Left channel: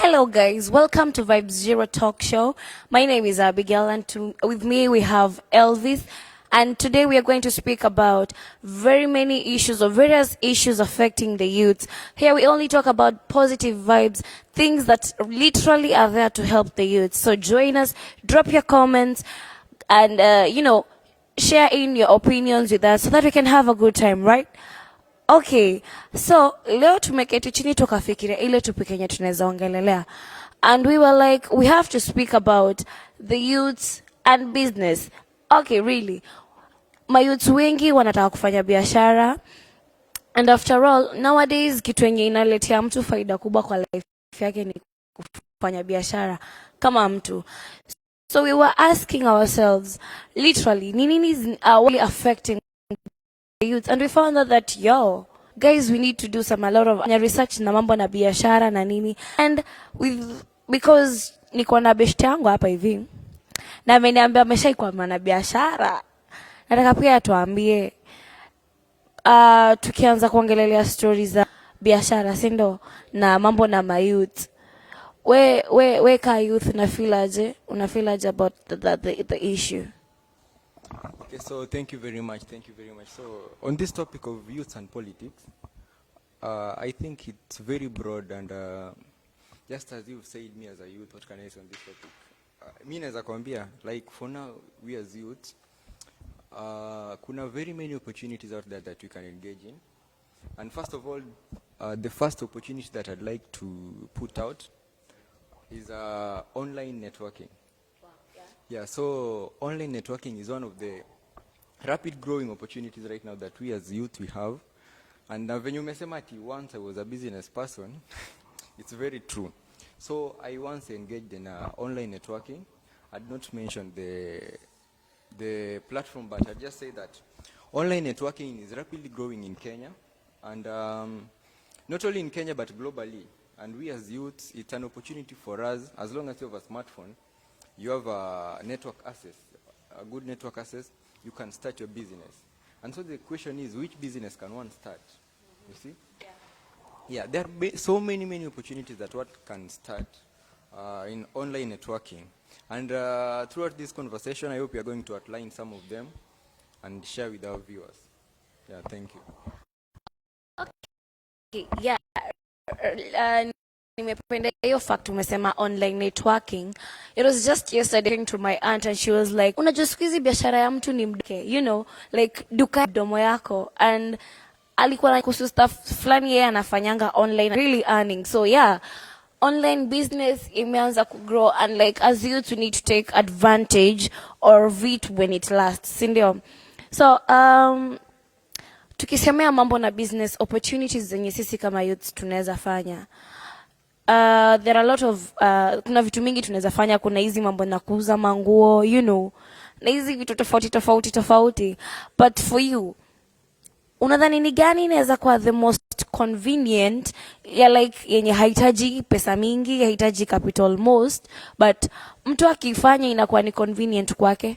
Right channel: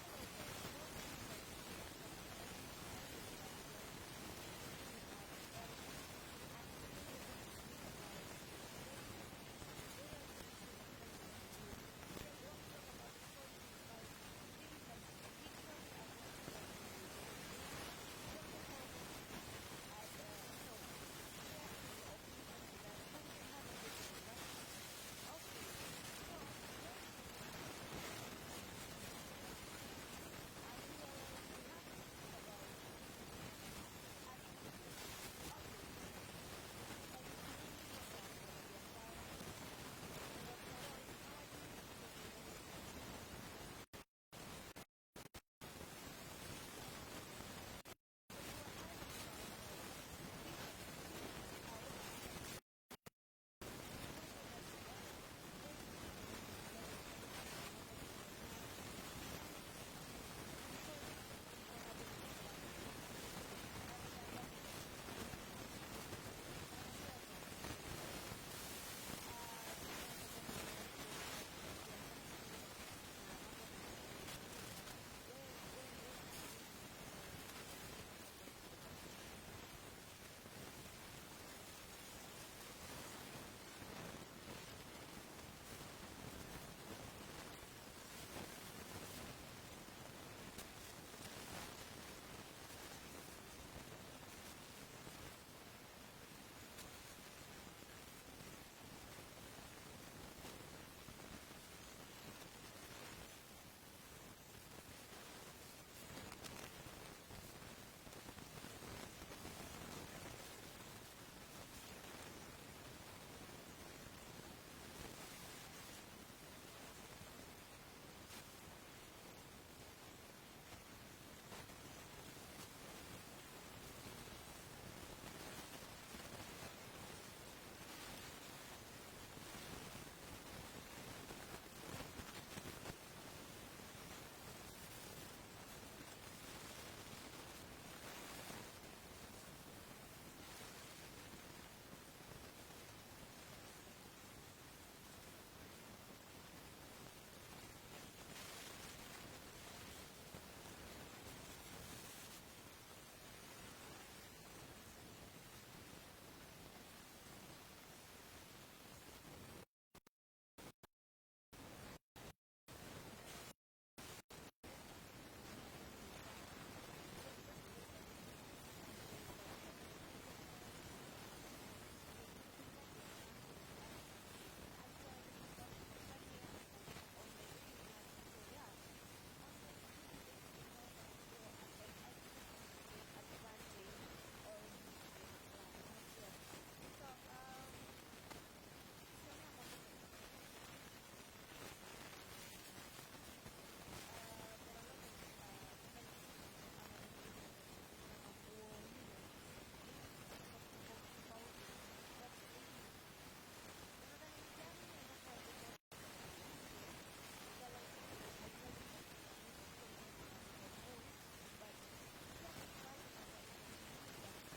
Hello guys, welcome to Vibe Zero Talk Show. My name is Abigail and with me we have Elvis, and today we are going to speak about very many issues or various issues affecting the youth. Here we only talk about positive vibes, things that literally are there to help the youth. So join us, drop your comments and share in your opinions with us so that we can have a good time, right? Okay, so leo tumeketi chini tukafikiria ile topic yenye tunaweza ongelelea, and we were like we have to speak about the youths and business. Okay, really, mayouths wengi wanataka kufanya biashara, and after all nowadays kitu yenye inaletea mtu faida kubwa kwa life yake ni kufanya biashara kama mtu. So we were asking ourselves literally ni nini is really affecting youth, and we found out that guys, we need to do a lot of research na mambo na biashara na nini, and because niko na best yangu hapa hivi na ameniambia ameshaikuwa na biashara, nataka pia atuambie tukianza kuongelelea stories za biashara, si ndo, na mambo na mayouth. We ka youth una feel aje about the issue? Okay, so thank you very much. So on this topic of youth and politics, I think it's very broad, and just as you said, me as a youth, what can I say on this topic? Me as a kwambia, like for now, we as youth, kuna very many opportunities out there that we can engage in. And first of all, the first opportunity that I'd like to put out is online networking. Yeah, so online networking is one of the rapid growing opportunities right now that we as youth we have. And when you mentioned once I was a business person, it's very true. So I once engaged in online networking. I'd not mention the platform, but I'd just say that online networking is rapidly growing in Kenya, and not only in Kenya but globally. And we as youths, it's an opportunity for us. As long as you have a smartphone, you have a network access, a good network access, you can start your business. And so the question is, which business can one start? You see? Yeah, there are so many opportunities that one can start in online networking. And throughout this conversation, I hope you are going to outline some of them and share with our viewers. Yeah, thank you. Okay, yeah. Nimependa hiyo fact umesema online networking. It was just yesterday to my aunt and she was like, unajua siku hizi biashara ya mtu ni mduke, like duka domo yako, and alikuwa na kuhusu stuff fulani yeye anafanyanga online, really earning. So yeah, online business imeanza ku grow, and like as youth we need to take advantage of it when it lasts, sindio? So tukisemea mambo na business opportunities zenye sisi kama youth tunaweza fanya, there are a lot of kuna vitu mingi tunaweza fanya. Kuna hizi mambo na kuuza manguo, na hizi vitu tofauti, but for you unadhani ni gani inaweza kuwa the most convenient, ya like yenye haitaji pesa mingi, haitaji capital most, but mtu akifanya inakuwa ni convenient kwake?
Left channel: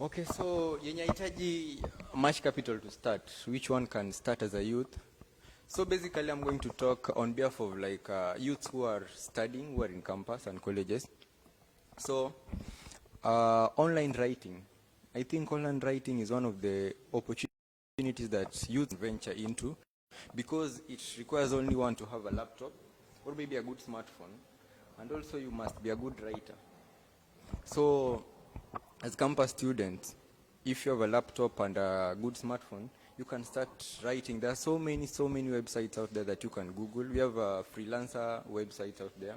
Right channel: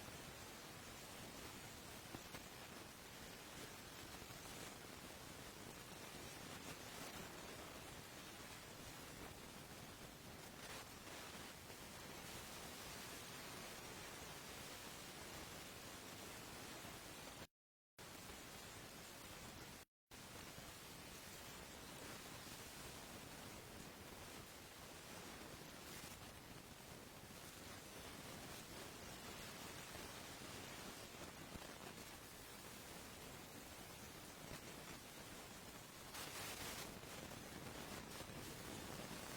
Okay, so yenye haitaji much capital to start, which one can start as a youth? So basically I'm going to talk on behalf of like youths who are studying, who are in campus and colleges. So online writing, I think online writing is one of the opportunities that youth venture into, because it requires only one to have a laptop or maybe a good smartphone, and also you must be a good writer. So as campus students, if you have a laptop and a good smartphone, you can start writing. There are so many websites out there that you can Google. We have freelancer websites out there,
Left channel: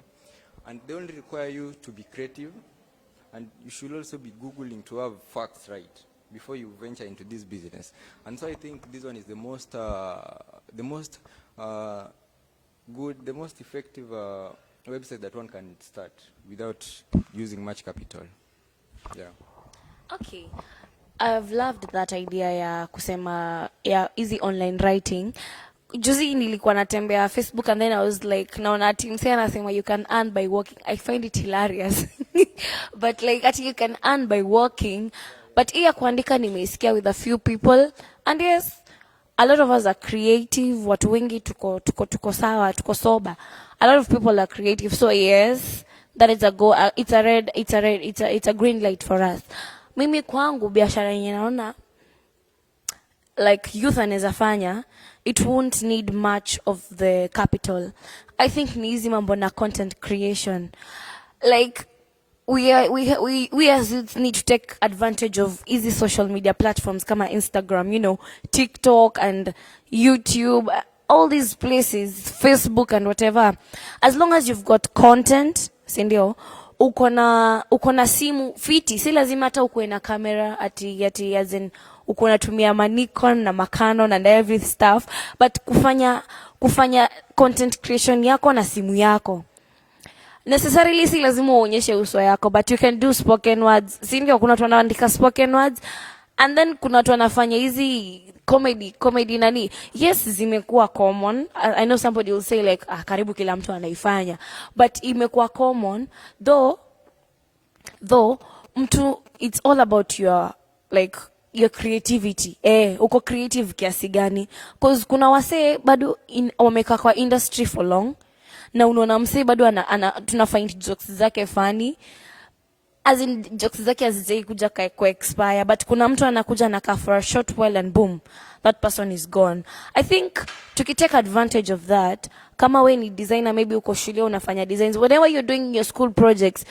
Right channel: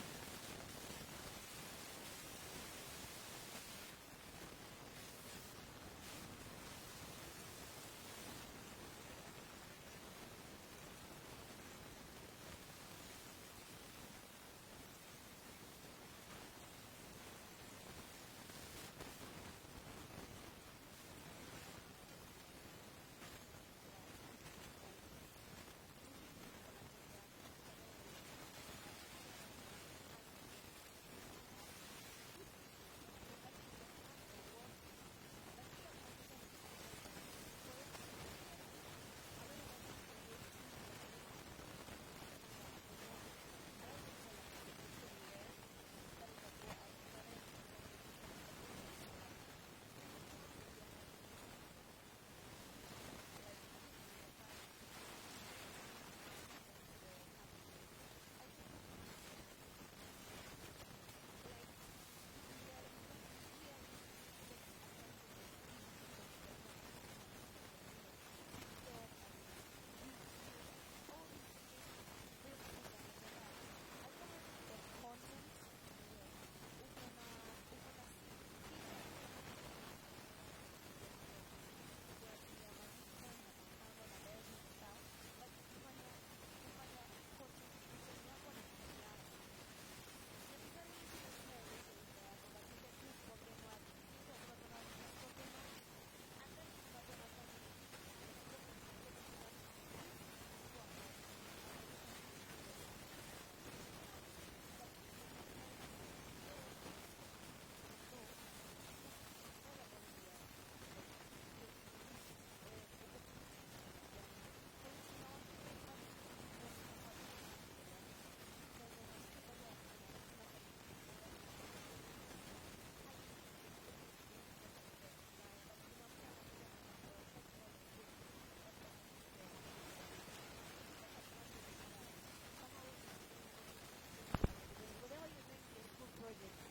and they only require you to be creative, and you should also be Googling to have facts right before you venture into this business. And so I think this one is the most good, the most effective website that one can start without using much capital. Yeah. Okay. I've loved that idea ya kusema ya easy online writing. Juzi nilikuwa natembea Facebook and then I was like, naona team say anasema you can earn by walking. I find it hilarious. But like ati you can earn by walking. But iya kuandika nimeisikia with a few people, and yes, a lot of us are creative, watu wengi tuko sawa, tuko sober. A lot of people are creative, so yes, that is a go, it's a green light for us. Mimi kwangu biashara yenye naona like youth anaweza fanya, it won't need much of the capital. I think ni hizi mambo na content creation. Like we as youth need to take advantage of easy social media platforms kama Instagram, you know, TikTok and YouTube, all these places, Facebook and whatever. As long as you've got content, sindio, uko na simu fiti, si lazima hata uko na camera ati as in uko natumia Nikon na Canon and every stuff, but kufanya content creation yako na simu yako. Necessarily si lazima uonyeshe uso yako, but you can do spoken words. Si ndio kuna watu wanaandika spoken words and then kuna watu wanafanya hizi comedy nani. Yes, zimekuwa common. I know somebody will say like karibu kila mtu anaifanya, but imekuwa common though mtu, it's all about your creativity. Uko creative kiasi gani? Cause kuna wasee bado wamekaa kwa industry for long na unaona msee bado tuna find jokes zake funny, as in jokes zake hazijai kuja kwa expire, but kuna mtu anakuja anakaa for a short while and boom, that person is gone. I think tukitake advantage of that, kama we ni designer, maybe uko shule unafanya designs, whatever you're doing your school projects,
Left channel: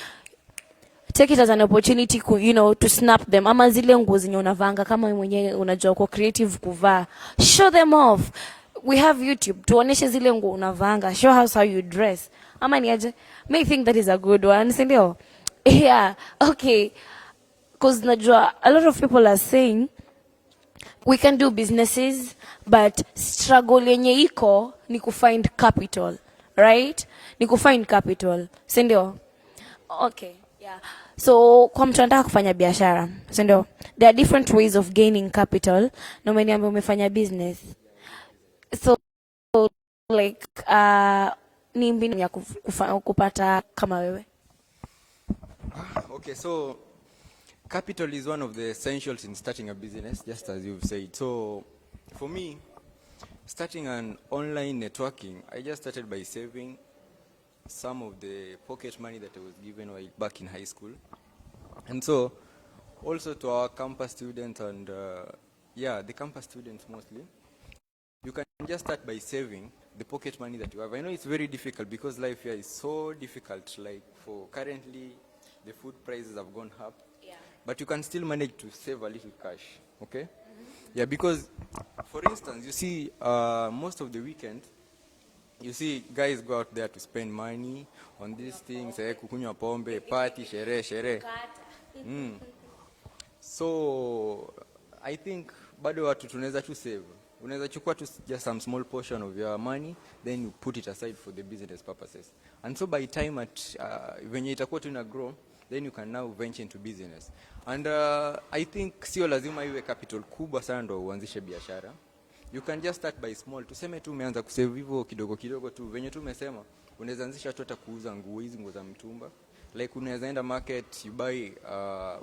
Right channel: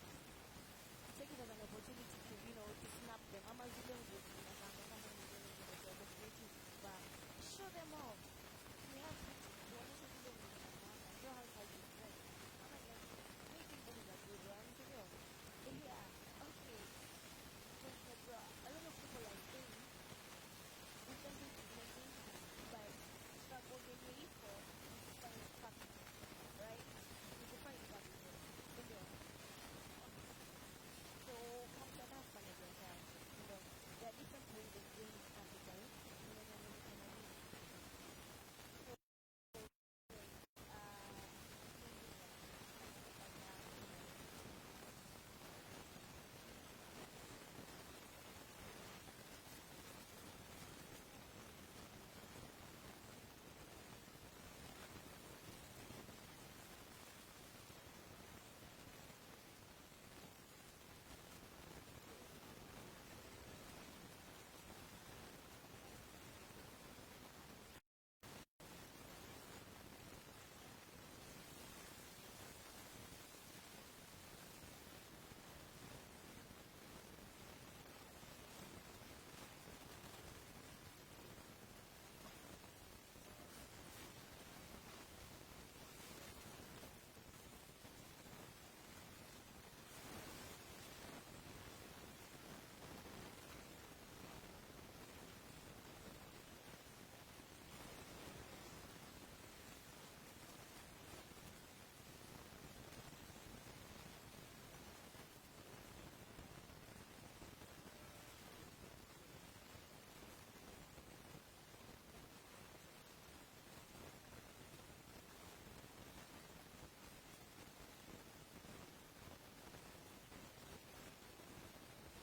take it as an opportunity to snap them. Ama zile nguo zenye unavanga kama wewe mwenyewe unajua uko creative kuvaa, show them off. We have YouTube, tuoneshe zile nguo unavanga, show us how you dress. Ama ni aje? May think that is a good one, si ndio? Yeah, okay. Because najua a lot of people are saying we can do businesses, but struggle yenye iko ni kufind capital, right? Ni kufind capital, si ndio? Okay, yeah. So kwa mtu anataka kufanya biashara, si ndio? There are different ways of gaining capital. Na umeniambia umefanya business. So like ni mbinu ya kupata kama wewe? Okay, so capital is one of the essentials in starting a business, just as you've said. So for me, starting an online networking, I just started by saving some of the pocket money that I was given back in high school. And so also to our campus students and the campus students mostly, you can just start by saving the pocket money that you have. I know it's very difficult because life here is so difficult. Like for currently, the food prices have gone up. Yeah. But you can still manage to save a little cash. Okay? Mm-hmm. Yeah, because for instance, you see, most of the weekend, you see guys go out there to spend money on these things, kukunywa pombe, party, sherehe. So I think bado watu tunaweza tu save. Unaweza chukua tu just some small portion of your money, then you put it aside for the business purposes. And so by time when itakuwa tuna grow, then you can now venture into business. And I think sio lazima iwe capital kubwa sana ndo uanzishe biashara. You can just start by small. Tuseme tu umeanza kusave hivyo kidogo tu. Venye tu umesema, unaweza anzisha tu hata kuuza nguo hizi, nguo za mtumba. Like unaweza enda market, you buy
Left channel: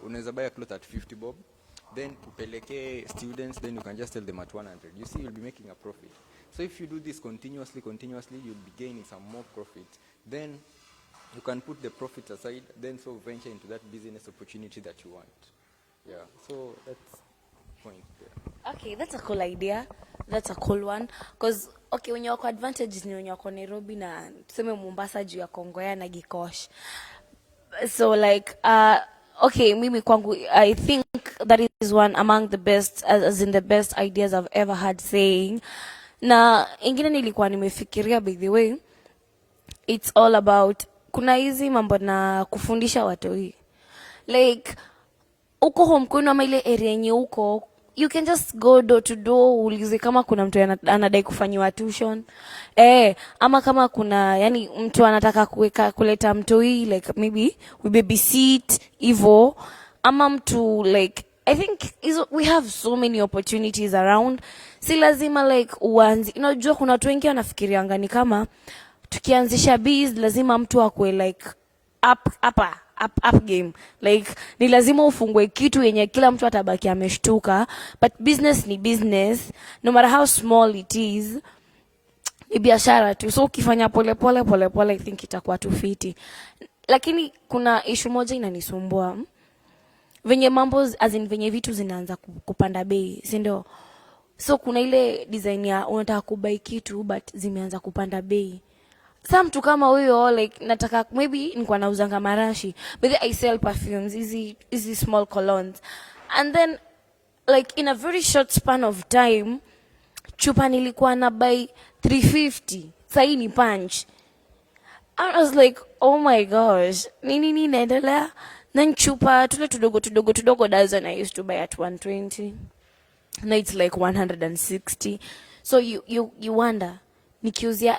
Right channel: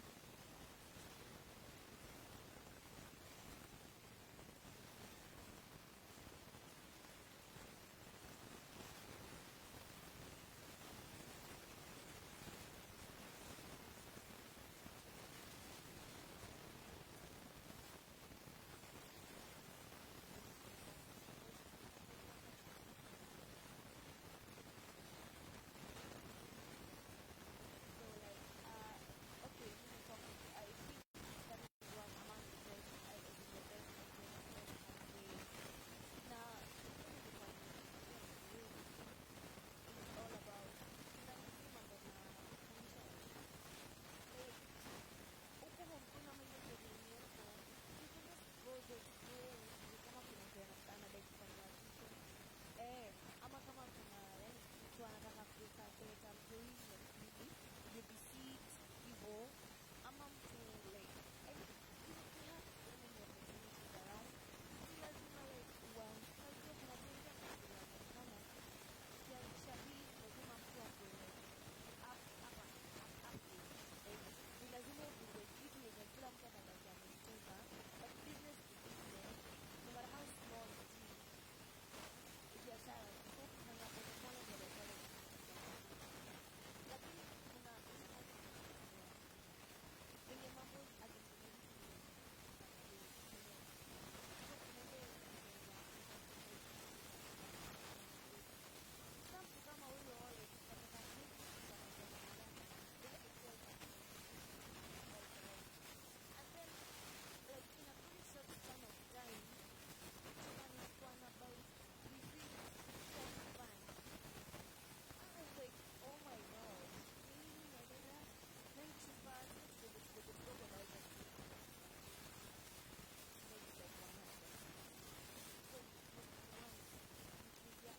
unaweza buy a cloth at 50 bob. Then upeleke students, then you can just sell them at 100. You see, you'll be making a profit. So if you do this continuously, you'll be gaining some more profit. Then you can put the profit aside, then so venture into that business opportunity that you want. Yeah, so that's the point there. Okay, that's a cool idea. That's a cool one. Because, okay, when you're advantages ni when you're Nairobi na tuseme Mombasa juu ya Kongoya na Gikosh. So like, okay, mimi kwangu, I think that is one among the best, as in the best ideas I've ever had saying. Na ingine nilikuwa nimefikiria, by the way, it's all about, kuna hizi mambo na kufundisha watoi. Like, uko home kwenu ama ile area yenye uko, you can just go door to door, ulize kama kuna mtu anadai kufanyiwa tuition. Ama kama kuna, yani mtu anataka kuleta mtoi, like maybe we babysit, hivyo. Ama mtu like, I think we have so many opportunities around. Si lazima like uanzi. Unajua kuna watu wengi wanafikirianga ni kama tukianzisha biz lazima mtu akue like up game. Like ni lazima ufungue kitu yenye kila mtu atabaki ameshtuka, but business ni business, no matter how small it is, ni biashara tu. So ukifanya pole pole I think itakuwa tu fiti. Lakini kuna issue moja inanisumbua. Venye mambo as in venye vitu zinaanza kupanda bei, si ndio? So kuna ile design ya unataka kubai kitu but zimeanza kupanda bei. Some mtu kama huyo like nataka maybe nilikuwa nauzanga marashi, but I sell perfumes, easy small colognes. And then like in a very short span of time chupa nilikuwa na buy 350. Sasa hii ni punch. I was like, oh my gosh, nini inaendelea? Na chupa tule tudogo dozen I used to buy at 120. Now it's like 160. So you wonder,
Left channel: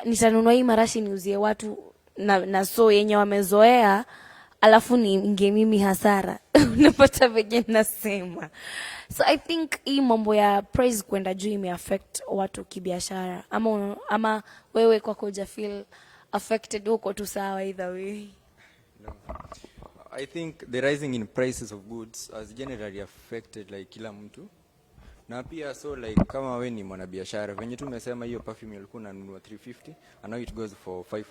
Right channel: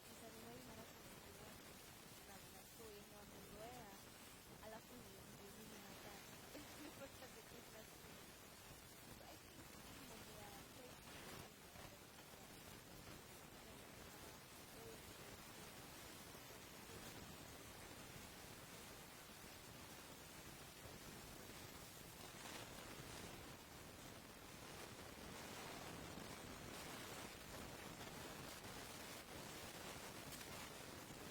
nitanunua hii marashi niuzie watu na so yenye wamezoea, alafu ninge mimi hasara. Unapata venye nasema. So I think hii mambo ya price kwenda juu imeaffect watu kibiashara. Ama wewe kwako huja feel affected, uko tu sawa either way? I think the rising in prices of goods has generally affected like kila mtu. Na pia so like kama we ni mwanabiashara, venye tu umesema hiyo perfume ulikuwa unanunua 350 and now it goes for 500.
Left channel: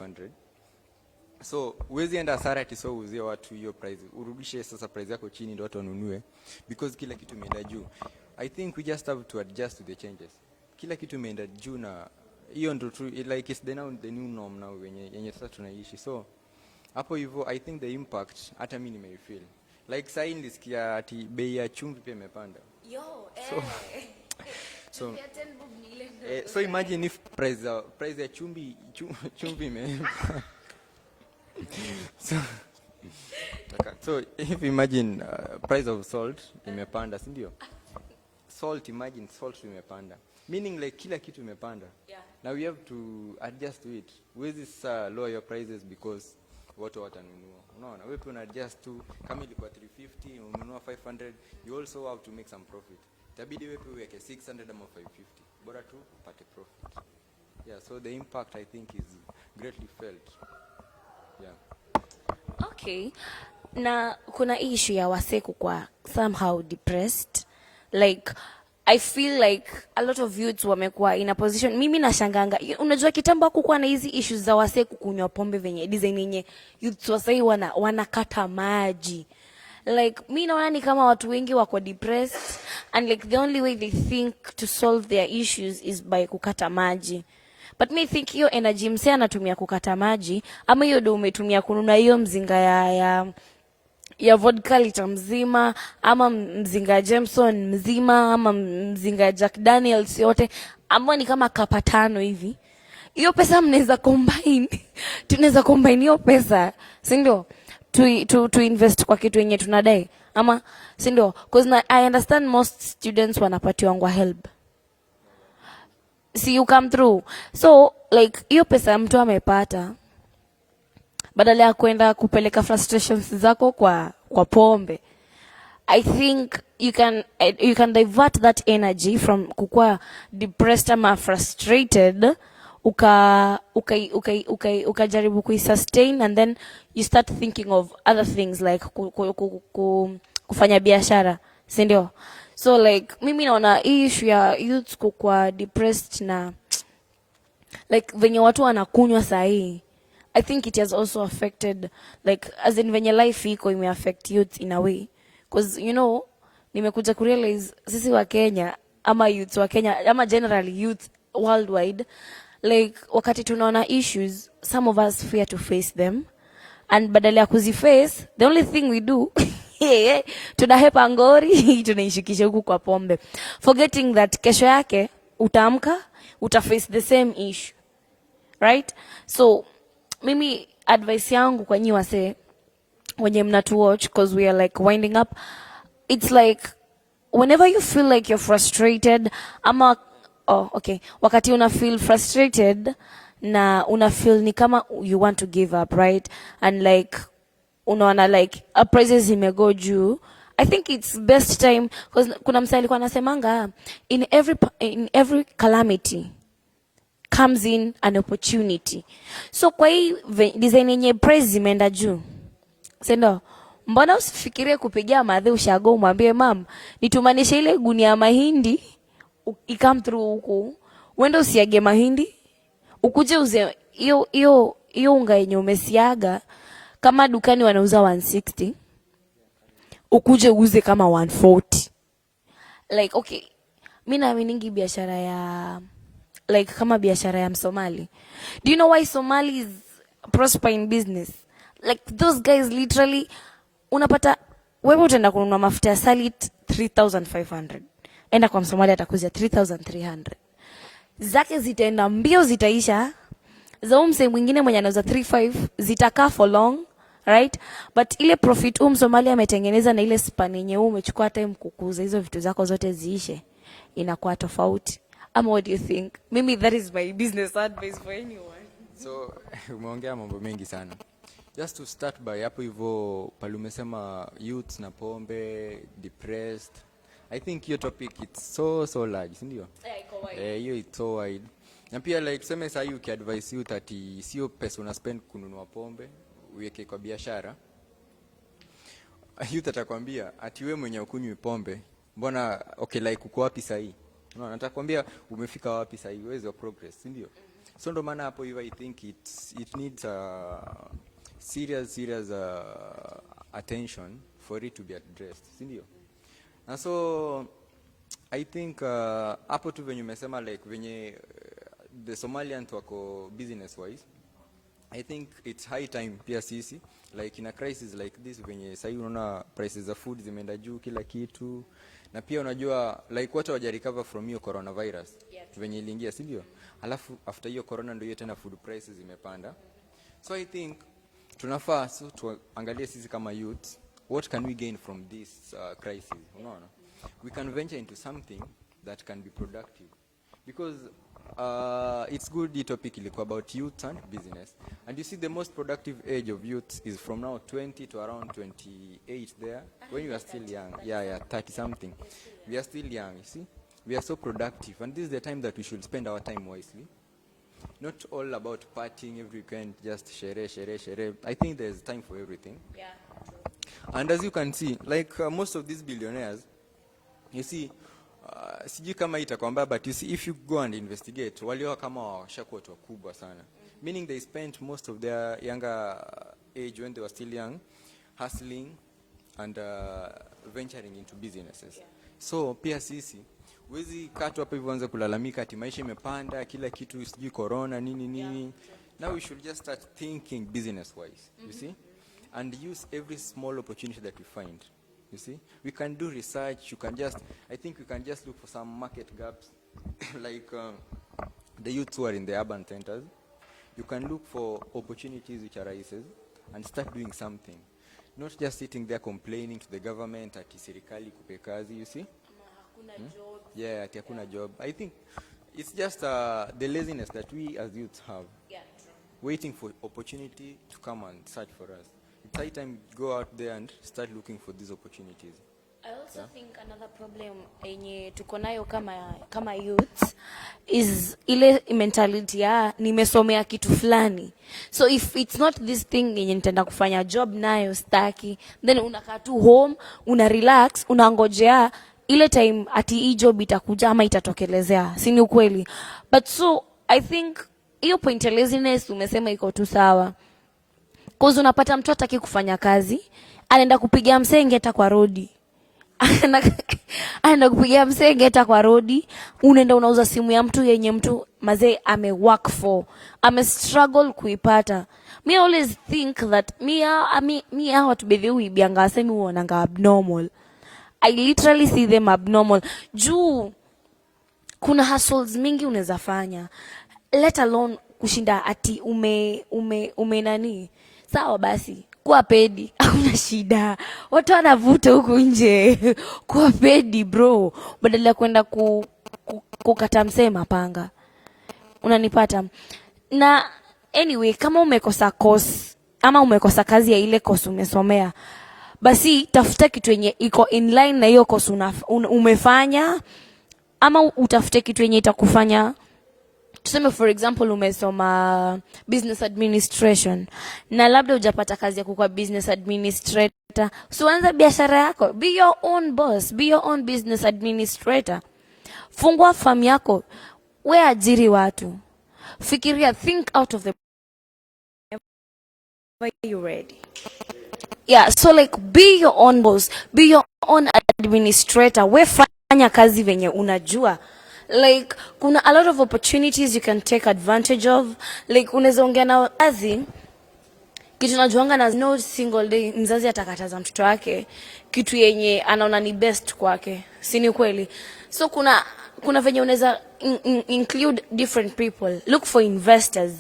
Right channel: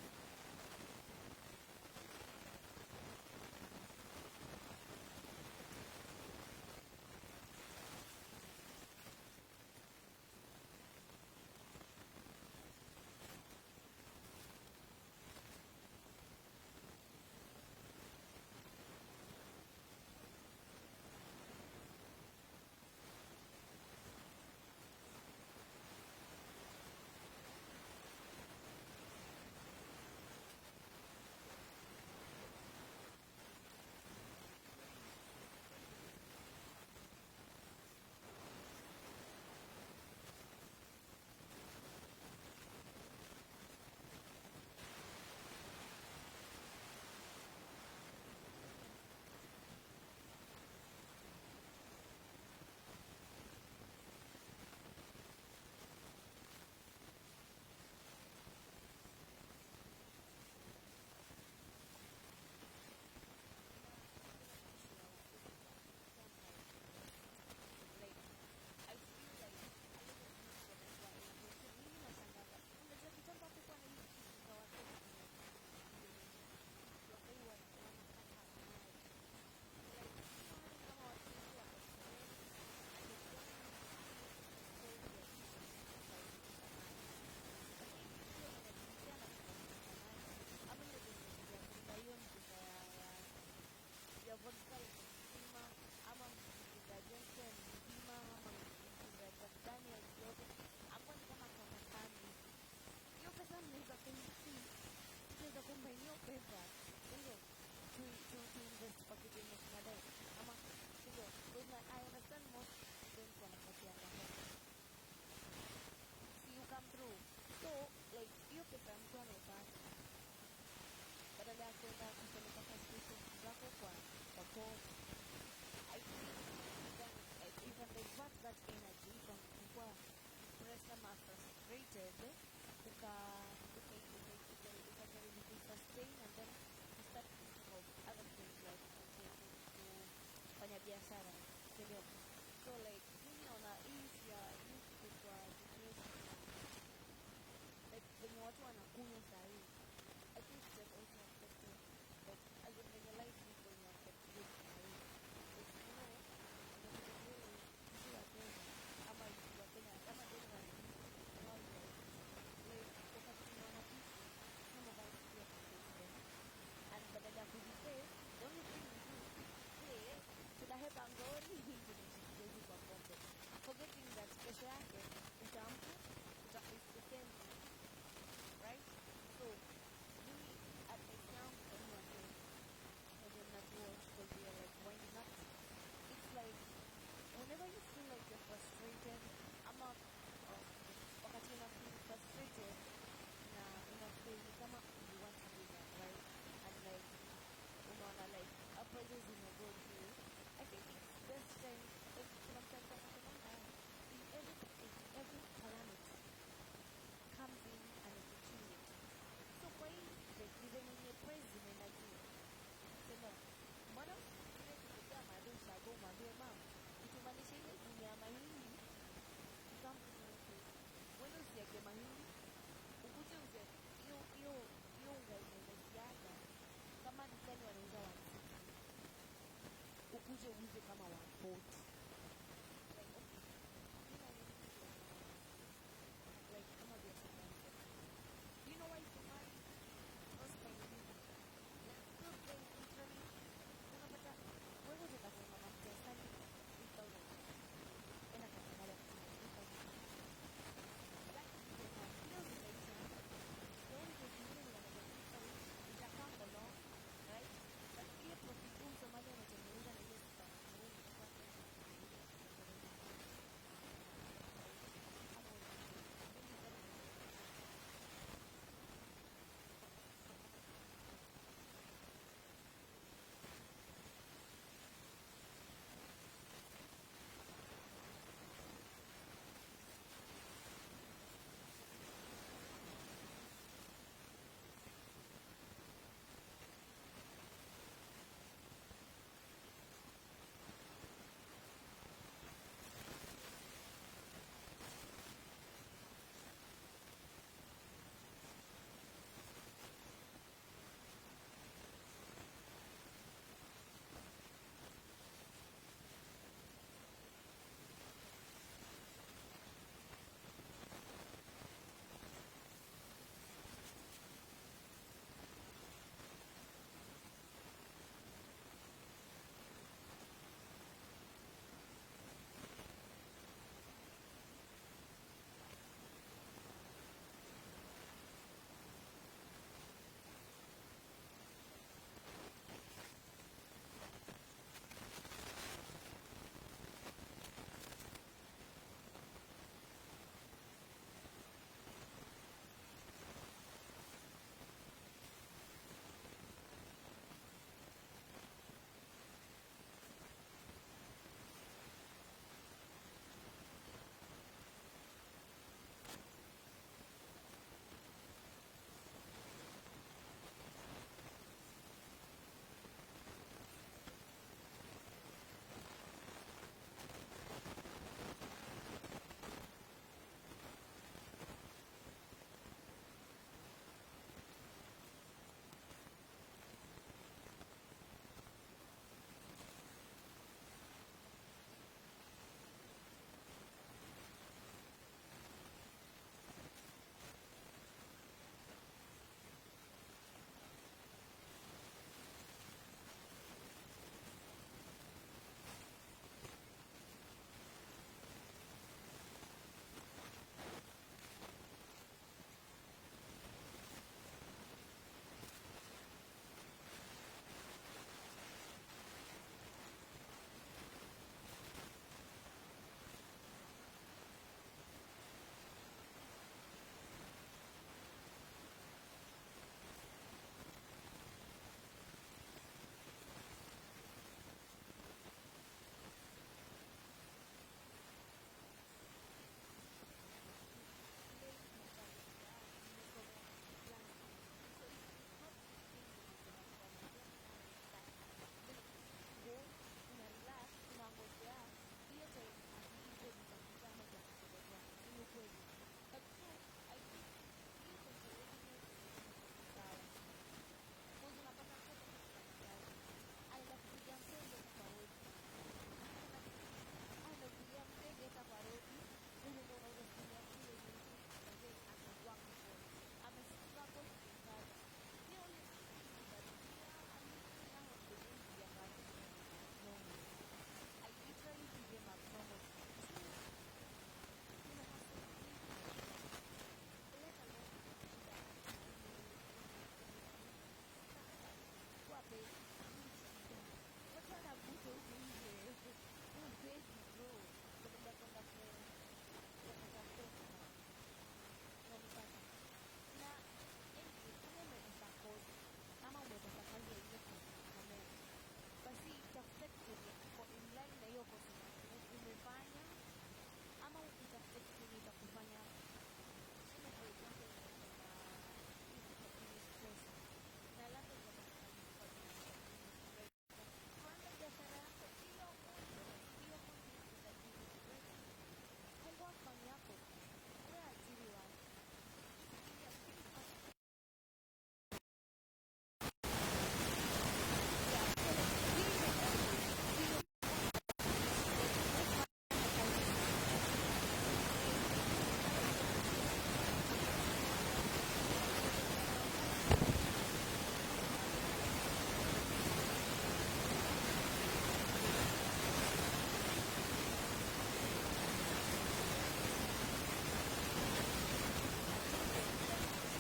So uwezi enda hasara ati so uzie watu hiyo price. Urudishe sasa price yako chini ndio watu wanunue, because kila kitu imeenda juu. I think we just have to adjust to the changes. Kila kitu imeenda juu na hiyo ndio true, like it's the new norm now yenye sasa tunaishi. So hapo hivyo I think the impact hata mimi nimefeel. Like sasa nilisikia ati bei ya chumvi pia imepanda. So imagine if price ya chumvi so if imagine price of salt imepanda, si ndio? Imagine salt imepanda, meaning like kila kitu imepanda. Now we have to adjust to it. Huwezi lower your prices because watu watanunua. No, wewe kuna adjust to, kama ilikuwa 350 ununua 500, you also have to make some profit. Itabidi wewe uweke 600 ama 550, bora tu upate profit. Yeah, so the impact I think is greatly felt. Yeah. Okay. Na kuna issue ya waseku kwa somehow depressed. Like I feel like a lot of youths wamekuwa in a position, mimi nashanganga, unajua kitambo hakukuwa na hizi issues za waseku kunywa pombe venye design yenye youths wasai wanakata maji. Like mimi naona ni kama watu wengi wako depressed and like the only way they think to solve their issues is by kukata maji. But me think hiyo energy msee anatumia kukata maji, ama hiyo ndio umetumia kununua hiyo mzinga ya vodka lita mzima, ama mzinga Jameson mzima, ama mzinga Jack Daniels yote, ambao ni kama kapa 5 hivi. Hiyo pesa mnaweza combine. Tunaweza combine hiyo pesa, si ndio? To invest kwa kitu yenye tunadai. Ama si ndio? Because I understand most students wanapatiwa help. See you come through. So like hiyo pesa mtu amepata, badala ya kwenda kupeleka frustrations zako kwa pombe, I think you can divert that energy from kukua depressed ama frustrated, ukajaribu kuisustain, and then you start thinking of other things like kufanya biashara, si ndio? So like mimi naona issue ya youth kukua depressed na like venye watu wanakunywa sahi, I think it has also affected, like as in venye life iko ime affect youth in a way, because you know nimekuja kurealize sisi wa Kenya ama youth wa Kenya ama generally youth worldwide, like wakati tunaona issues, some of us fear to face them, and badala ya kuziface the only thing we do tunahepa ngori tunaishikisha huku kwa pombe, forgetting that kesho yake utaamka utaface the same issue, right? So mimi advice yangu kwa nyi wase wenye mnatu watch, because we are like winding up, it's like whenever you feel like you're frustrated ama wakati una feel frustrated na una feel ni kama you want to give up, right? And like unaona like prices imego juu, I think it's best time, because kuna msali kwa nasemanga in every calamity comes in an opportunity. So kwa hii design yenye price zimeenda juu, sendo Mbona usifikirie kupigia madhe ushago umwambie mam, nitumanishe ile gunia ya mahindi ikam through huku. Uende usiage mahindi, ukuje uze hiyo unga yenye umesiaga kama dukani wanauza 160. Ukuje uuze kama 140. Like okay, mimi naaminingi biashara ya like kama biashara ya Msomali. Do you know why Somalis prosper in business? Like those guys literally, unapata wewe utaenda kununua mafuta ya salit 3500. Enda kwa Msomali atakuzia 3300. Zake zitaenda mbio, zitaisha. Za mse mwingine mwenye anauza 35 zitakaa for long, right? But ile profit Msomali ametengeneza na ile span yenye umechukua time kukuza hizo vitu zako zote ziishe, inakuwa tofauti. What do you think? Maybe that is my business advice for anyone. So umeongea mambo mengi sana. Just to start by hapo hivyo pale umesema youth na pombe, depressed. I think your topic it's so large, si ndio? Iko wide. Hiyo it's so wide. Na pia like tuseme sasa you can advise youth ati sio pesa una spend kununua pombe, uweke kwa biashara. Youth atakwambia ati wewe mwenye ukunywi pombe, mbona okay like uko wapi sasa hii? No, natakwambia umefika wapi sasa hii, where's your progress, si ndio? So ndo maana hapo hivi I think it needs serious attention for it to be addressed, si ndio? Na so I think hapo tu venye umesema like venye the Somalians wako business wise, I think it's high time pia sisi like in a crisis like this venye sasa unaona prices za food zimeenda juu kila kitu, na pia unajua like watu waja recover from hiyo coronavirus venye iliingia, si ndio? Alafu after hiyo corona ndio tena food prices zimepanda. So I think tunafaa tuangalie sisi kama youth, what can we gain from this crisis? Unaona, we can venture into something that can be productive, because it's good the topic ilikuwa about youth and business, and you see the most productive age of youth is from now 20 to around 28 there, when you are still young. Yeah, 30 something. We are still young, you see. We are so productive, and this is the time that we should spend our time wisely. Not all about partying every weekend, just shere. I think there's time for everything. Yeah. And as you can see, like most of these billionaires, you see, sijui kama itakwambia, but you see, if you go and investigate, walio kama washakuwa watu wakubwa sana. Meaning they spent most of their younger age when they were still young, hustling and venturing into businesses. Yeah. So pia sisi wezi katu hapa hivyo anza kulalamika ati maisha imepanda, kila kitu sijui corona nini. Yeah. Now we should just start thinking business wise, you see, and use every small opportunity that we find. You see, we can do research. I think we can just look for some market gaps, like the youths who are in the urban centers. You can look for opportunities which arises and start doing something. Not just sitting there complaining to the government ati serikali kupe kazi, you see. Yeah, ati hakuna job. I think it's just the laziness that we as youths have. Yeah. Waiting for opportunity to come and search for us. It's high time to go out there and start looking for these opportunities. I also think another problem yenye tuko nayo kama youth is ile mentality ya nimesomea kitu fulani. So if it's not this thing yenye nitaenda kufanya job nayo staki, then unakaa tu home, una relax, unangojea ile time ati hii job itakuja ama itatokelezea. Si ni ukweli? But so I think hiyo point ya laziness umesema iko tu sawa. Cause unapata mtu hataki kufanya kazi, anaenda kupigia msengeta kwa rodi. Anaenda kupigia msengeta kwa rodi, unaenda unauza simu ya mtu yenye mtu mazee work for, struggle kuipata. Me always think that me watu bedhe uibianga asemi uonanga abnormal. I literally see them abnormal. Juu kuna hustles mingi unaweza fanya, let alone kushinda ati ume nani. Sawa basi, kuwa pedi, hakuna shida. Watu wanavuta huku nje. Kuwa pedi bro, badala ya kwenda kukata msee mapanga. Unanipata? Na anyway, kama umekosa course ama umekosa kazi ya ile course umesomea, basi tafuta kitu yenye iko in line na hiyo course umefanya, ama utafute kitu yenye itakufanya. Tuseme for example umesoma business administration na labda hujapata kazi ya kuwa business administrator. Usianze biashara yako. Be your own boss, be your own business administrator. Fungua farm yako. We ajiri watu. Fikiria, think out of the you read. Yeah, so like be your own boss, be your own administrator. We fanya kazi venye unajua. Like kuna a lot of opportunities you can take advantage of. Like unaweza ongea na kazi kitu najuanga na no single day mzazi atakataza mtoto wake kitu yenye anaona ni best kwake. Si ni kweli? So kuna venye unaweza include different people. Look for investors.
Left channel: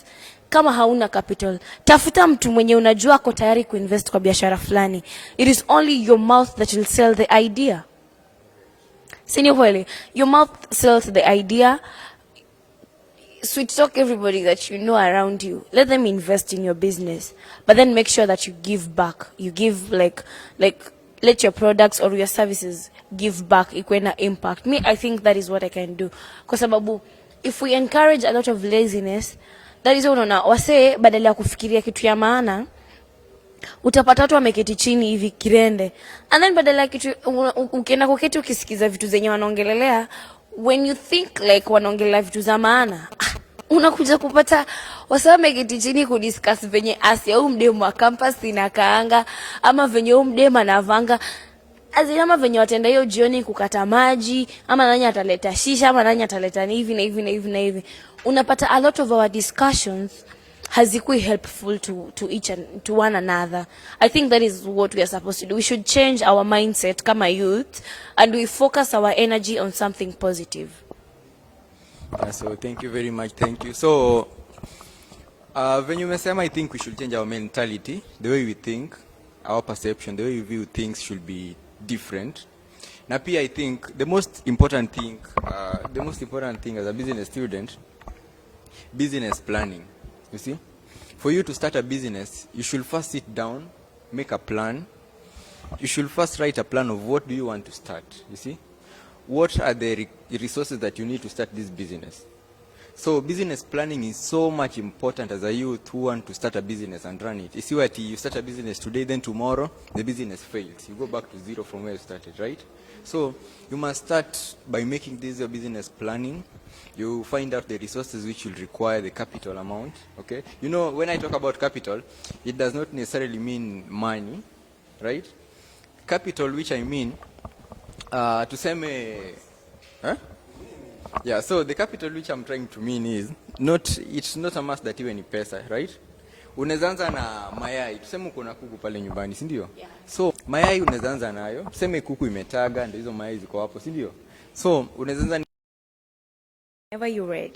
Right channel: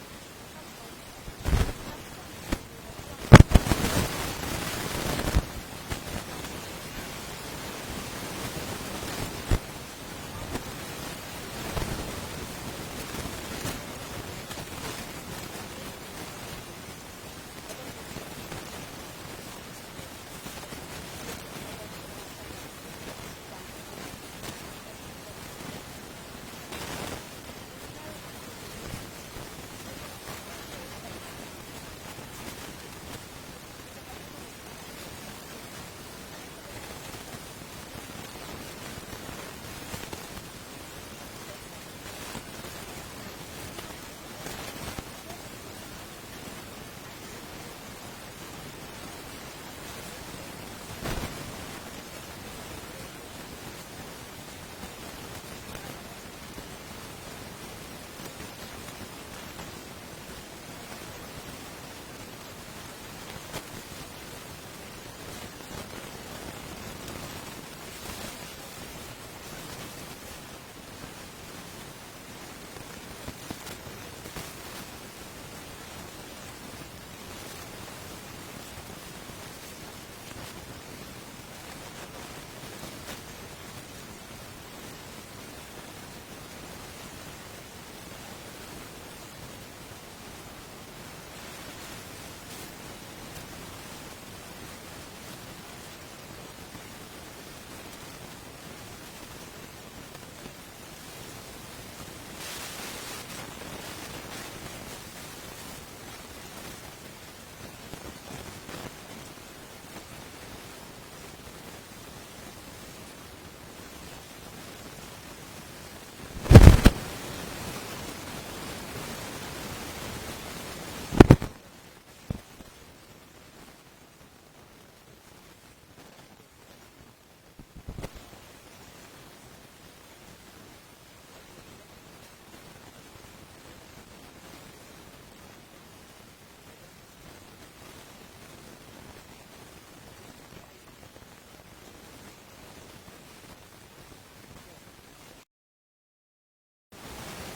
Kama hauna capital, tafuta mtu mwenye unajua ako tayari kuinvest kwa biashara fulani. It is only your mouth that will sell the idea. Si ni kweli? Your mouth sells the idea. Sweet talk everybody that you know around you. Let them invest in your business. But then make sure that you give back. You give like let your products or your services give back ikuwe na impact. Me, I think that is what I can do. Kwa sababu if we encourage a lot of laziness, that is unaona wasee badala ya kufikiria kitu ya maana utapata watu wameketi chini hivi kirende, and then badala ya kitu ukienda kuketi ukisikiza vitu zenye wanaongelelea, when you think like wanaongelea vitu za maana unakuja kupata wasee wameketi chini kudiscuss venye Asia au mdemu wa campus inakaanga ama venye au mdemu anavanga azima venye watenda hiyo jioni kukata maji ama nani ataleta shisha ama nani ataleta hivi na hivi na hivi na hivi. Unapata a lot of our discussions hazikui helpful to one another. I think that is what we are supposed to do. We should change our mindset kama youth and we focus our energy on something positive. So thank you very much. Thank you. So when you mesema, I think we should change our mentality, the way we think, our perception, the way we view things should be different. Na pia I think the most important thing as a business student, business planning. You see, for you to start a business, you should first sit down, make a plan. You should first write a plan of what do you want to start. You see, what are the resources that you need to start this business. So business planning is so much important as a youth who want to start a business and run it. You see what you start a business today, then tomorrow the business fails. You go back to zero from where you started, right? So you must start by making this your business planning. You find out the resources which will require the capital amount. Okay. You know, when I talk about capital, it does not necessarily mean money, right? Capital, which I mean, to say huh? Yeah, so the capital which I'm trying to mean is it's not a must that iwe ni pesa, right? Unaanza na mayai. Tuseme uko na kuku pale nyumbani, si ndio? Yeah. So mayai unaanza nayo. Tuseme kuku imetaga ndio hizo mayai ziko hapo, si ndio? So unaanza whenever you read.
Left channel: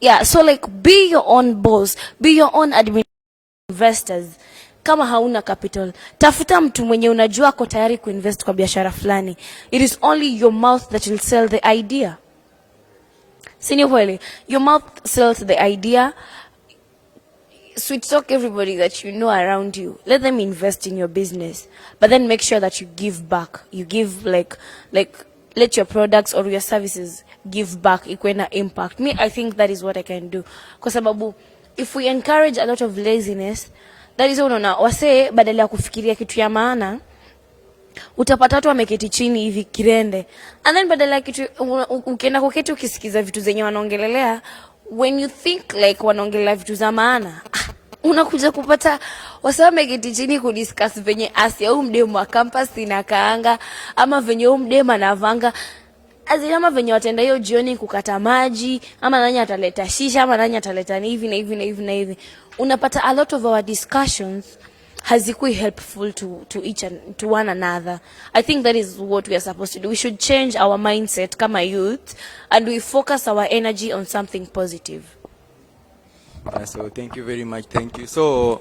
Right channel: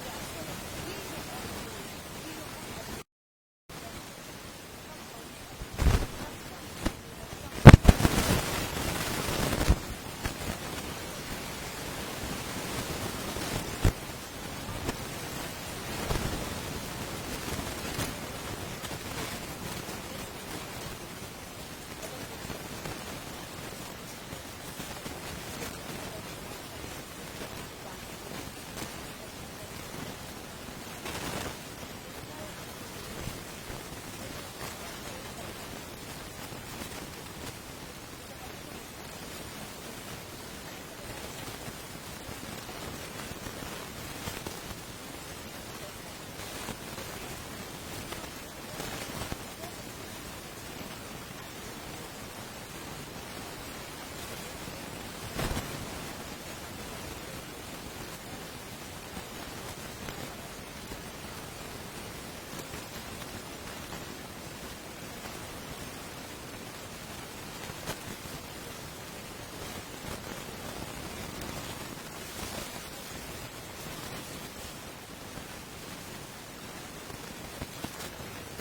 Yeah, so like be your own boss, be your own investors. Kama hauna capital, tafuta mtu mwenye unajua ako tayari kuinvest kwa biashara fulani. It is only your mouth that will sell the idea. Si ni kweli? Your mouth sells the idea. Sweet talk everybody that you know around you. Let them invest in your business. But then make sure that you give back. You give like let your products or your services give back ikuwe na impact. Me, I think that is what I can do. Kwa sababu if we encourage a lot of laziness, that is unaona wasee badala ya kufikiria kitu ya maana utapata watu wameketi chini hivi kirende, and then badala ya kitu ukienda kuketi ukisikiza vitu zenye wanaongelelea, when you think like wanaongelea vitu za maana unakuja kupata wasee wameketi chini kudiscuss venye Asia au mdemu wa campus inakaanga ama venye au mdemu anavanga azima venye watenda hiyo jioni kukata maji ama nani ataleta shisha ama nani ataleta hivi na hivi na hivi na hivi. Unapata a lot of our discussions hazikui helpful to one another. I think that is what we are supposed to do. We should change our mindset kama youth and we focus our energy on something positive. So thank you very much. Thank you. So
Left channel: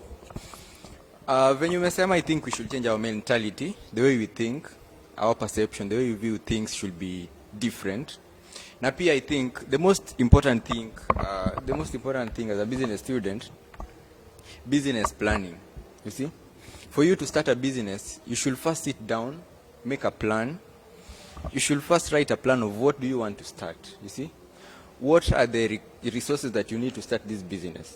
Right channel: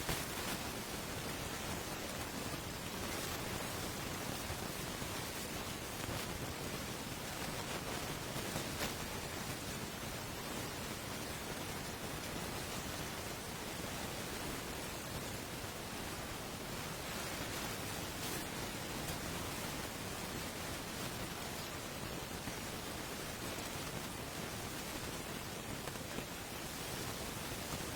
when you mesema, I think we should change our mentality, the way we think, our perception, the way we view things should be different. Na pia I think the most important thing as a business student, business planning. You see, for you to start a business, you should first sit down, make a plan. You should first write a plan of what do you want to start. You see, what are the resources that you need to start this business.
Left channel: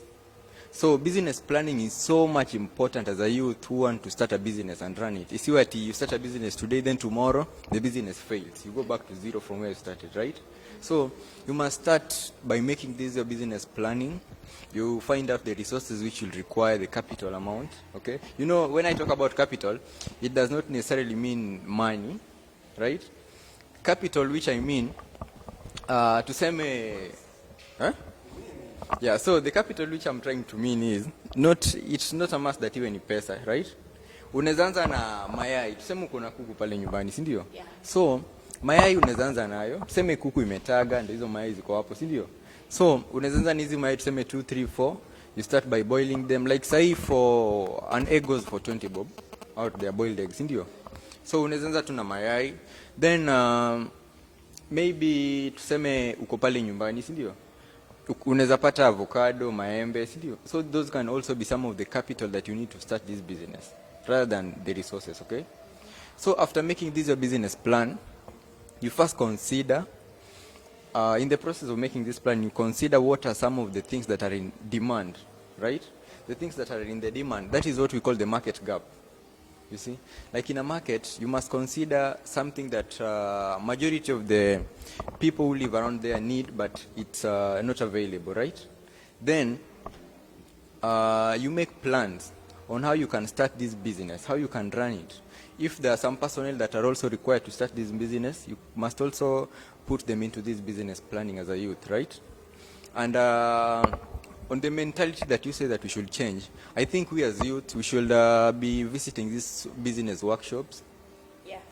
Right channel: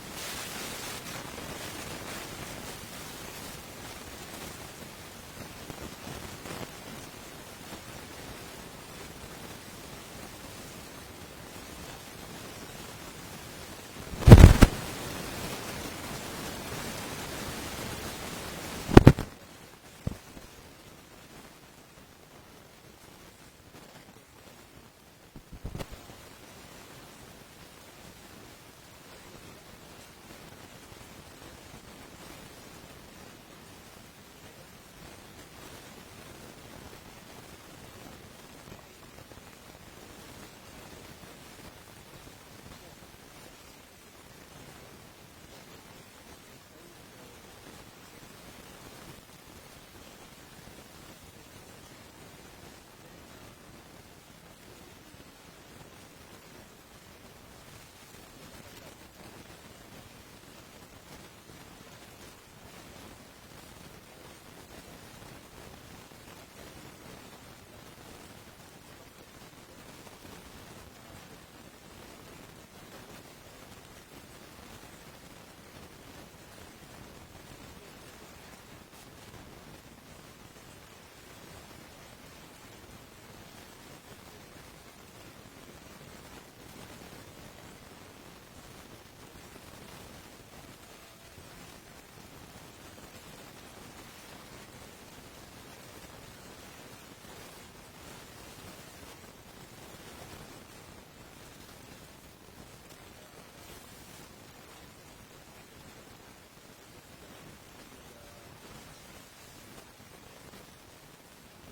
So business planning is so much important as a youth who want to start a business and run it. You see what you start a business today, then tomorrow the business fails. You go back to zero from where you started, right? So you must start by making this your business planning. You find out the resources which will require the capital amount. Okay. You know, when I talk about capital, it does not necessarily mean money, right? Capital, which I mean, to say me, huh? Yeah, so the capital which I'm trying to mean is it's not a must that iwe ni pesa, right? Unaweza anza na mayai. Tuseme uko na kuku pale nyumbani, si ndio? Yeah. So mayai unaweza anza nayo. Tuseme kuku imetaga ndio hizo mayai ziko hapo, si ndio? So unaweza anza na hizo mayai tuseme 2 3 4. You start by boiling them, like say for an egg goes for 20 bob out there, boiled eggs, si ndio? So unaweza anza tu na mayai, then maybe tuseme uko pale nyumbani, si ndio? Unaweza pata avocado, maembe, si ndio? So those can also be some of the capital that you need to start this business rather than the resources, okay? So after making this your business plan, you first consider, in the process of making this plan, you consider what are some of the things that are in demand, right? The things that are in the demand, that is what we call the market gap. You see, like in a market, you must consider something that majority of the people who live around there need, but it's not available, right? Then you make plans on how you can start this business, how you can run it. If there are some personnel that are also required to start this business, you must also put them into this business planning as a youth, right? And on the mentality that you say that we should change, I think we as youth, we should be visiting these business workshops.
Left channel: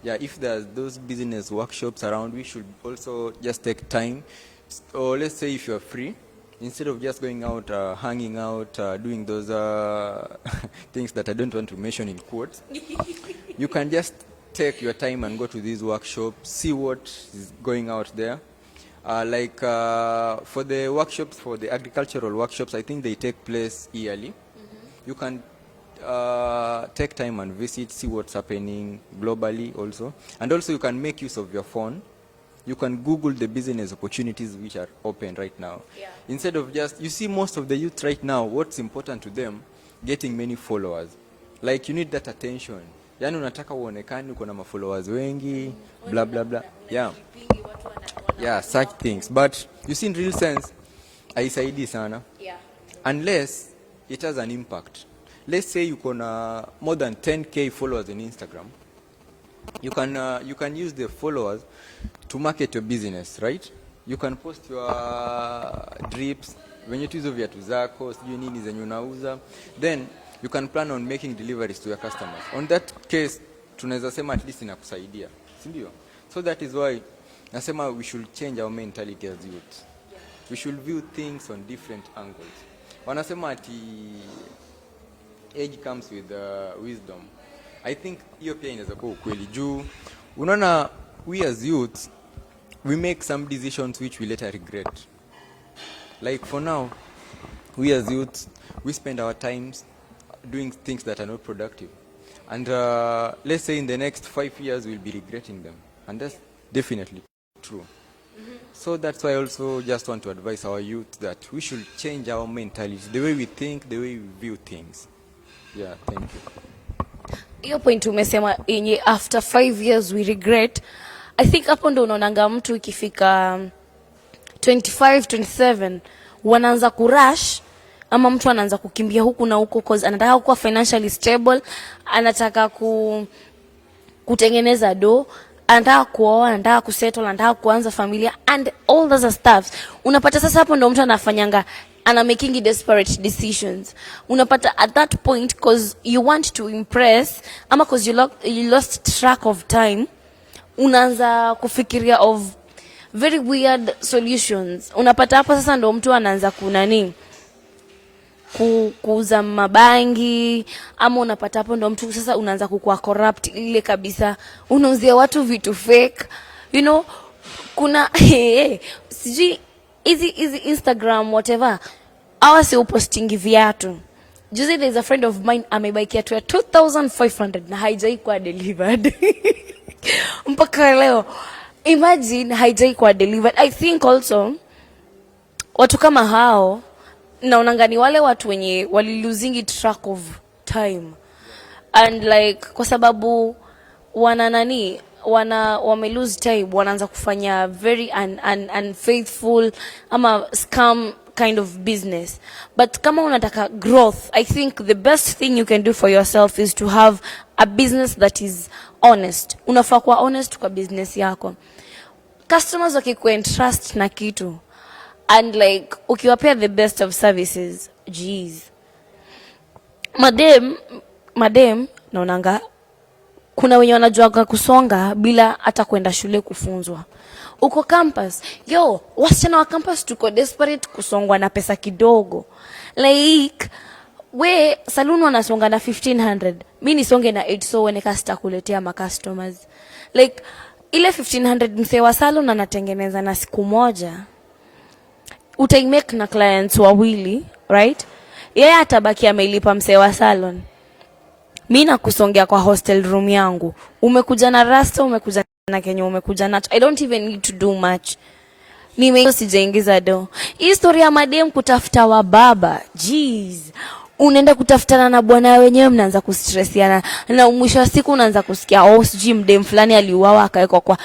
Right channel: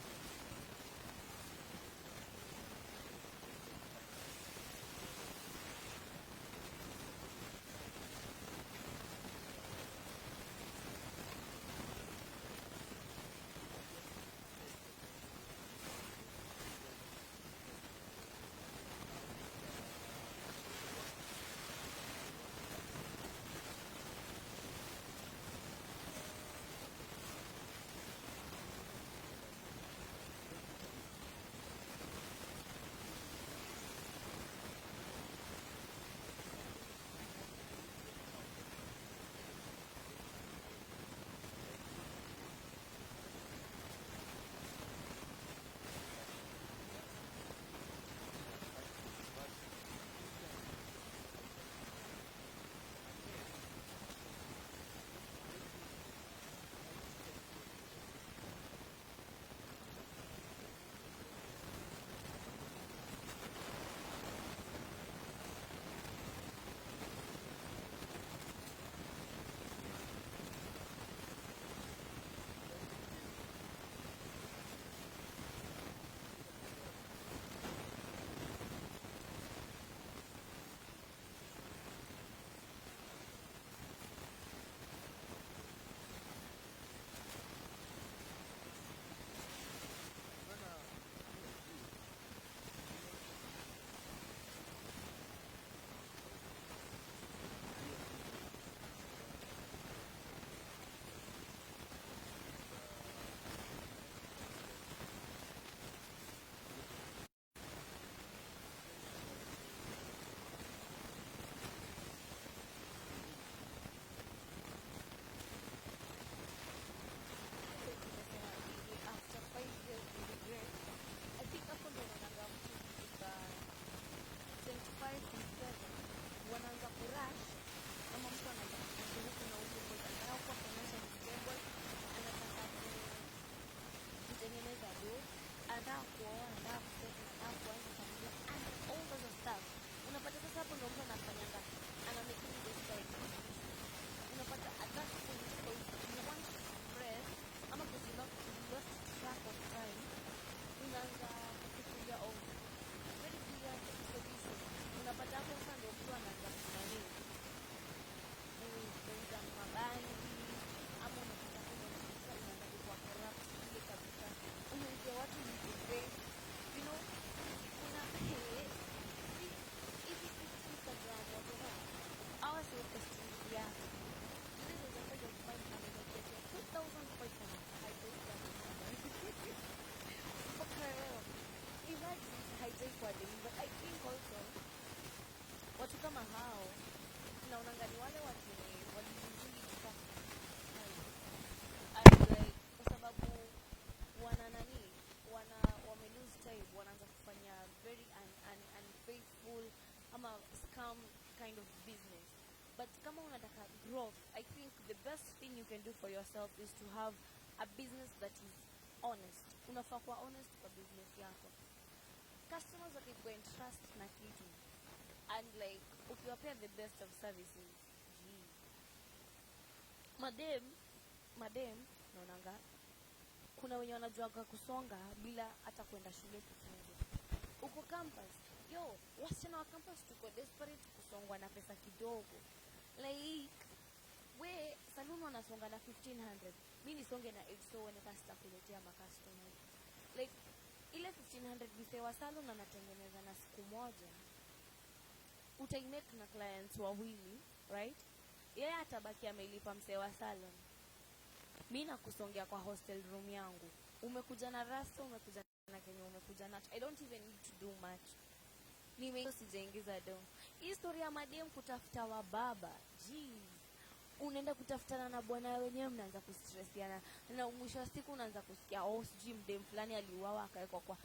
Yeah, if there's those business workshops around, we should also just take time. Or let's say if you're free, instead of just going out, hanging out, doing those things that I don't want to mention in quotes, you can just take your time and go to these workshops, see what is going out there. For the workshops, for the agricultural workshops, I think they take place yearly. You can take time and visit, see what's happening globally also. And also you can make use of your phone. You can Google the business opportunities which are open right now. Yeah. Instead of just, you see most of the youth right now, what's important to them, getting many followers. Like you need that attention. Yani unataka uonekane uko na followers wengi, blah blah blah. Yeah. Yeah, such things. But you see in real sense, haisaidii sana. Yeah. Unless it has an impact. Let's say you can more than 10k followers in Instagram. You can use the followers to market your business, right? You can post your drips, venye tuzo viatu zako, sijui nini zenye unauza. Then you can plan on making deliveries to your customers. On that case, tunaweza sema at least inakusaidia, si ndio? So that is why nasema we should change our mentality as youth. We should view things on different angles. Wanasema ati age comes with wisdom. I think hiyo pia inaweza kuwa ukweli juu. Unaona, we as youths, we make some decisions which we later regret. Like for now, we as youths, we spend our times doing things that are not productive. And let's say in the next 5 years, we'll be regretting them. And that's definitely true. So that's why I also just want to advise our youth that we should change our mentality, the way we think, the way we view things. Yeah, thank you. Hiyo point umesema yenye after 5 years we regret. I think hapo ndo unaonanga mtu ikifika 25, 27 wanaanza kurush, ama mtu anaanza kukimbia huku na huko cause anataka kuwa financially stable, anataka kutengeneza do, anataka kuoa, anataka kusettle, anataka kuanza familia and all those stuff. Unapata sasa hapo ndo mtu anafanyanga ana making desperate decisions. Unapata at that point cause you want to impress ama cause you lost track of time, unaanza kufikiria of very weird solutions. Unapata hapo sasa ndo mtu anaanza kunani kuuza mabangi, ama unapata hapo ndo mtu sasa unaanza kukua corrupt ile kabisa, unauzia watu vitu fake, you know. Kuna sijui hizi Instagram whatever, awa si upostingi viatu. Juzi there is a friend of mine amebuy kiatu ya 2500 na haijai kwa delivered. Mpaka leo imagine haijai kwa delivered. I think also watu kama hao naonanga ni wale watu wenye waliluzingi track of time and like kwa sababu wana nani wame lose time, wanaanza kufanya very unfaithful ama scam kind of business. But kama unataka growth, I think the best thing you can do for yourself is to have a business that is honest. Unafaa kuwa honest kwa business yako. Customers wakikuentrust na kitu and like ukiwapea the best of services, jeez, madem naonanga kuna wenye wanajuaga kusonga bila hata kwenda shule kufunzwa. Uko campus, yo, wasichana wa campus tuko desperate kusongwa na pesa kidogo. Like, we, saluni wanasonga na 1500. Mi nisonge na 8 so wene kasta kuletea ma customers. Like, ile 1500 msee wa salon anatengeneza na siku moja. Utaimake na clients wawili, right? Yeye atabaki amelipa msee wa salon. Mi nakusongea kwa hostel room yangu. Umekuja na rasta, umekuja na Kenya, umekuja na I don't even need to do much. Mimi sijaingiza do. Hii story ya madem kutafuta wa baba. Jeez. Unaenda kutafutana na bwana wenyewe, mnaanza kustressiana na mwisho wa siku unaanza kusikia oh sijui mdem fulani aliuawa akawekwa kwa.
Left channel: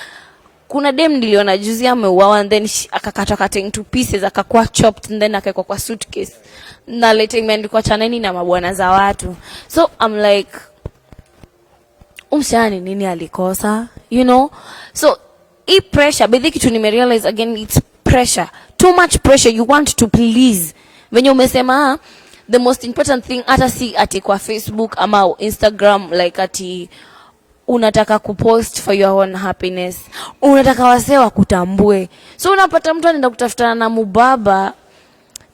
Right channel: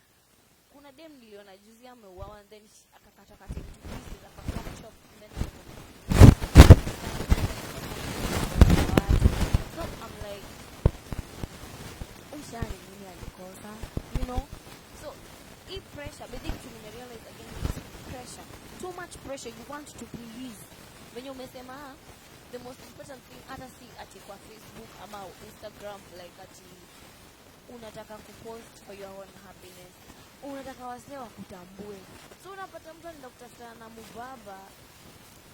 Kuna dem niliona juzi ameuawa and then akakatwa cutting to pieces akakuwa chopped and then akawekwa kwa suitcase. Na lete imeandikwa chaneni na mabwana za watu. So I'm like, umshani nini alikosa, you know? So hii pressure, but kitu nimerealize again, it's pressure. Too much pressure, you want to please. Venye umesema, the most important thing hata si ati kwa Facebook ama Instagram, like ati unataka kupost for your own happiness. Unataka wasee wakutambue. So unapata mtu anaenda kutafutana na mubaba,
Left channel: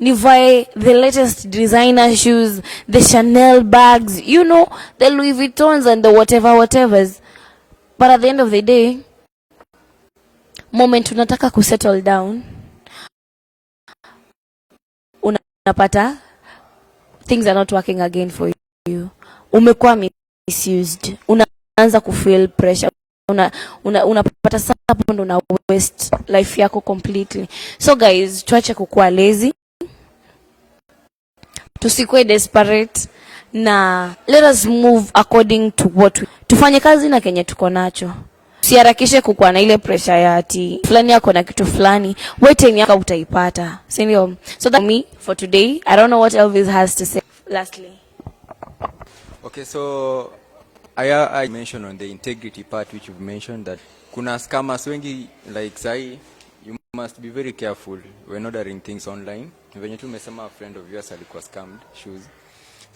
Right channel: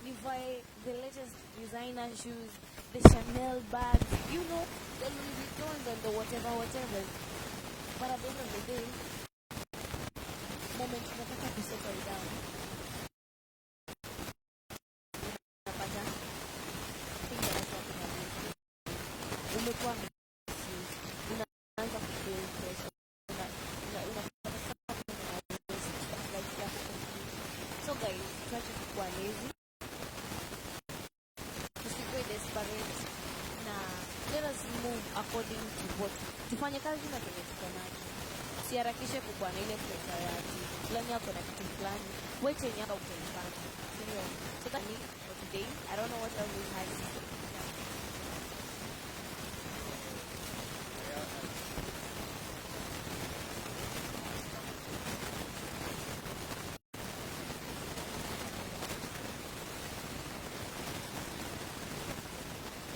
nivae the latest designer shoes, the Chanel bags, you know, the Louis Vuittons and the whatevers. But at the end of the day, moment unataka kusettle down, unapata things are not working again for you. Umekuwa misused. Unaanza kufeel pressure. Unapata hapo ndo una waste life yako completely. So guys, tuache kukua lazy. Tusikwe desperate na let us move according to what tufanye kazi na kenye tuko nacho. Usiharakishe kukua na ile pressure ya ati fulani yako na kitu fulani, wait time yako utaipata. Sindio? So that's me for today. I don't know what Elvis has to say lastly. Okay, so I mentioned on the integrity part which you've mentioned that kuna scammers wengi like sai. You must be very careful when ordering things online. Venye tu umesema a friend of yours alikuwa scam shoes.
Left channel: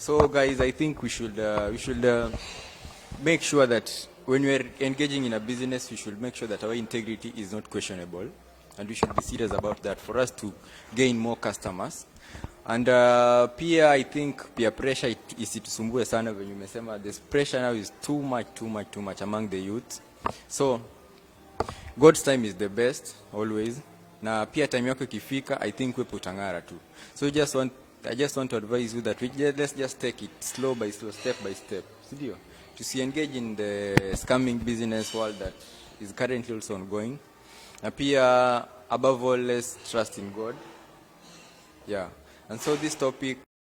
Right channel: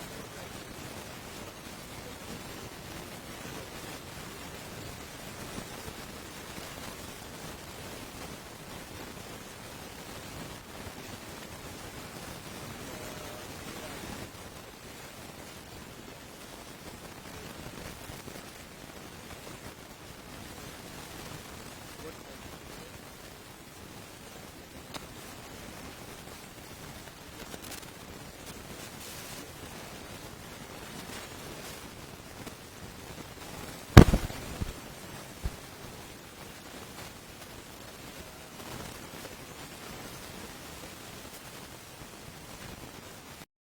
So guys, I think we should make sure that when we are engaging in a business, we should make sure that our integrity is not questionable, and we should be serious about that for us to gain more customers. And peer, I think peer pressure isitusumbue sana venye umesema. This pressure now is too much among the youth. So God's time is the best always. Na pia time yako ikifika, I think wewe utangara tu. So I just want to advise you that let's just take it slow by slow, step by step. Ndio. To engage in the scamming business world that is currently also ongoing. Na pia above all, let's trust in God. Yeah. And so this topic